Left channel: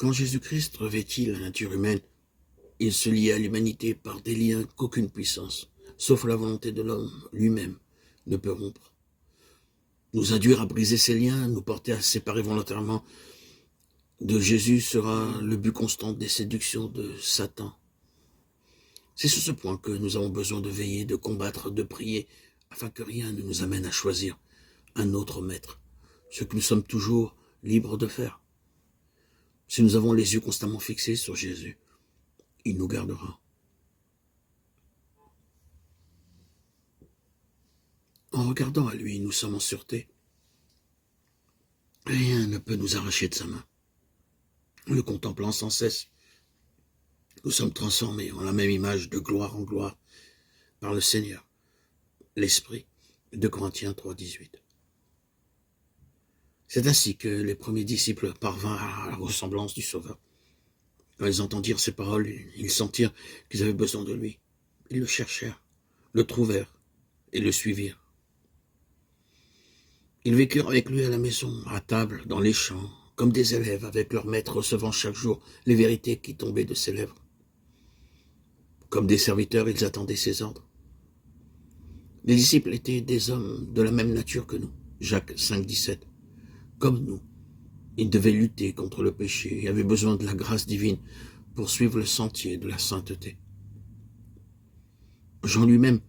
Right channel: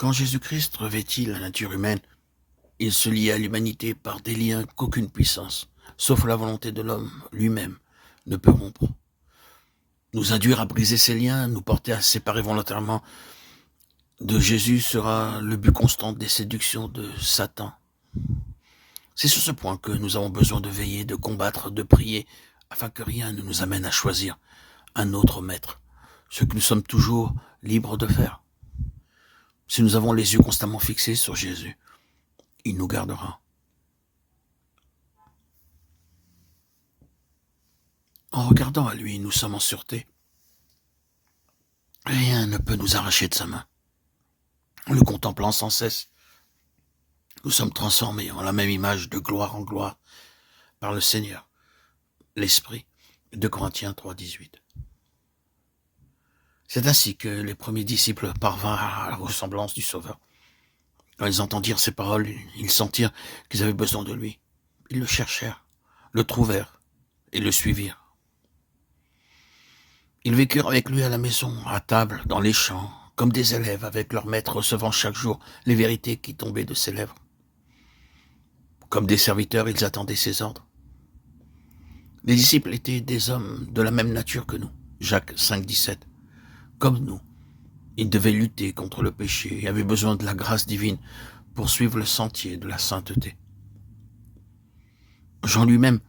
Quand Jésus-Christ revêtit la nature humaine, il se lia à l'humanité par des liens qu'aucune puissance, sauf la volonté de l'homme lui-même, ne peut rompre. Nous induire à briser ces liens, nous porter à séparer volontairement de Jésus sera le but constant des séductions de Satan. C'est sur ce point que nous avons besoin de veiller, de combattre, de prier, afin que rien ne nous amène à choisir un autre maître, ce que nous sommes toujours libres de faire. Si nous avons les yeux constamment fixés sur Jésus, il nous gardera. En regardant à lui, nous sommes en sûreté. Rien ne peut nous arracher de sa main. En le contemplant sans cesse, nous sommes transformés en la même image de gloire en gloire par le Seigneur, l'Esprit. 2 Corinthiens 3,18. C'est ainsi que les premiers disciples parvinrent à la ressemblance du Sauveur. Quand ils entendirent ces paroles, ils sentirent qu'ils avaient besoin de lui. Ils le cherchèrent, le trouvèrent et le suivirent. Ils vécurent avec lui à la maison, à table, dans les champs, comme des élèves avec leur maître recevant chaque jour les vérités qui tombaient de ses lèvres. Comme des serviteurs, ils attendaient ses ordres. Les disciples étaient des hommes de la même nature que nous. Jacques 5,17. Comme nous, ils devaient lutter contre le péché et avaient besoin de la grâce divine pour suivre le sentier de la sainteté. Jean lui-même,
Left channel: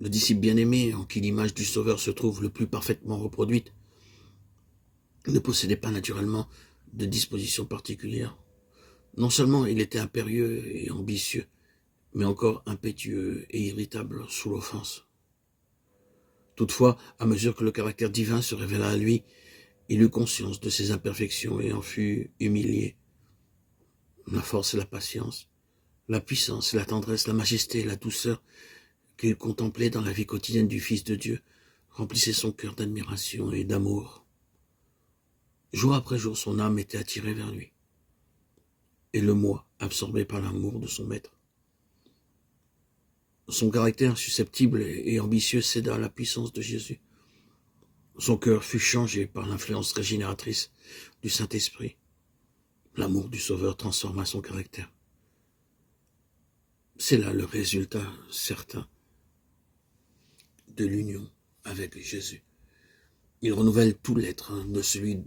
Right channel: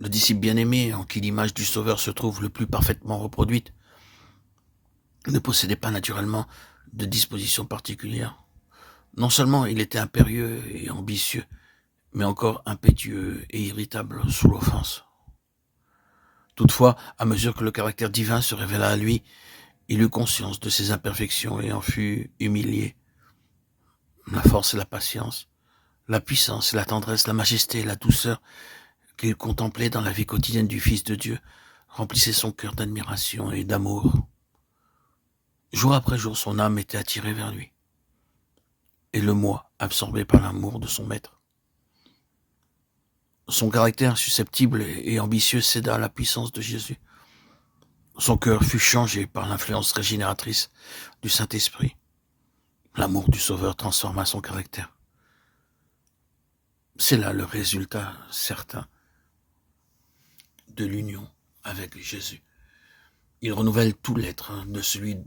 le disciple bien-aimé en qui l'image du Sauveur se trouve le plus parfaitement reproduite, ne possédait pas naturellement de dispositions particulières. Non seulement il était impérieux et ambitieux, mais encore impétueux et irritable sous l'offense. Toutefois, à mesure que le caractère divin se révéla à lui, il eut conscience de ses imperfections et en fut humilié. La force et la patience, la puissance et la tendresse, la majesté et la douceur qu'il contemplait dans la vie quotidienne du Fils de Dieu remplissaient son cœur d'admiration et d'amour. Jour après jour, son âme était attirée vers lui, et le moi absorbé par l'amour de son maître. Son caractère susceptible et ambitieux céda à la puissance de Jésus. Son cœur fut changé par l'influence régénératrice du Saint-Esprit. L'amour du Sauveur transforma son caractère. C'est là le résultat certain de l'union avec Jésus. Il renouvelle tout l'être de celui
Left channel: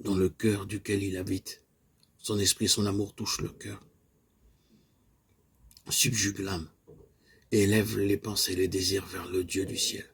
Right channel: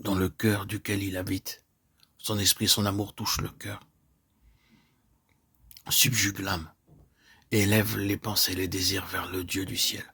dans le cœur duquel il habite. Son esprit, son amour touchent le cœur, subjugue l'âme et élève les pensées et les désirs vers le Dieu du ciel.